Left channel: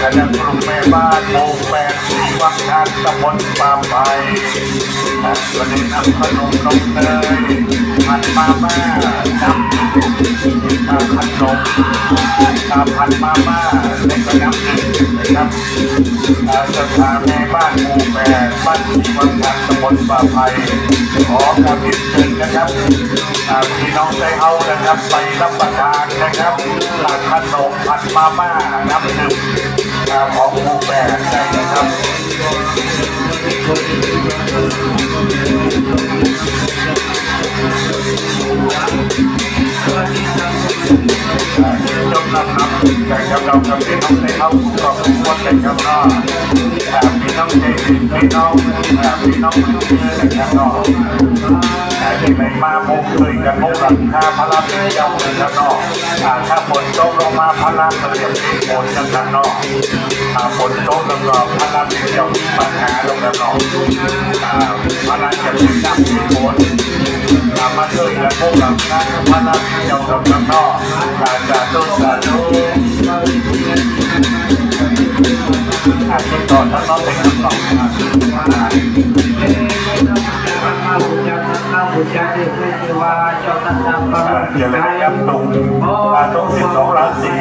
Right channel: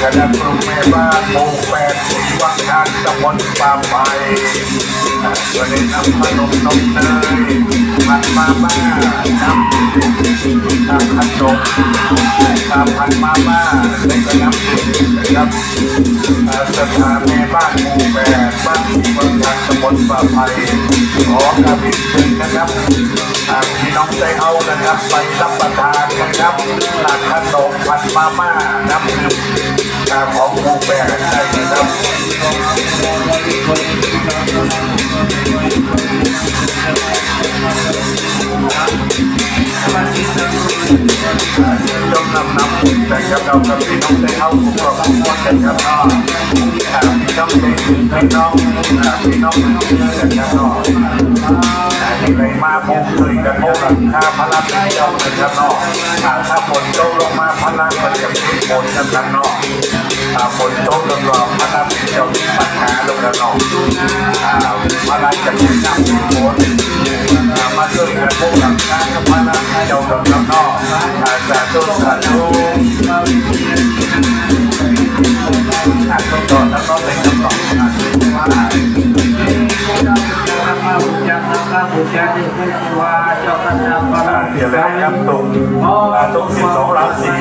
คณะครูแม่บ้านหมู่8ที่วังงานตำบลป่าไผ่วันนี้นำขนมน้องเนยพันมาม่าขนมพันมาม่าในคณะนะครับสถานแม่บ้านหมู่8บ้านที่วังงานตำบลป่าไผ่ขอกราบเรียนเชิญนะครับพี่น้องใจเอานะครับไปรับประทานนะครับขนมพันมาม่าน้ำดื่มของหมู่8ได้นะครับแต่กับเราก็เป็นน้องใจเอาทุกคนแต่กับเราพี่น้องใจพี่น้องพี่น้องแต่กับเราที่ไหนมาโมเคยกับโมกับข้าพลังได้ยังแต่กับเราถ้าฝนตกลงมาพลังมันจะมีฝนกันทางนอกฝนตกลงมาพลังจะมีปัญหาลงแล้วนอกพลังจะมีน้ำมีฝนมาช่วยกันโมกับข้าพลังเจ้ากับข้างนอกสาธุสาธุต้องก่อนต้องเป็นก่อนอย่าเลยยังตรง12 ราศี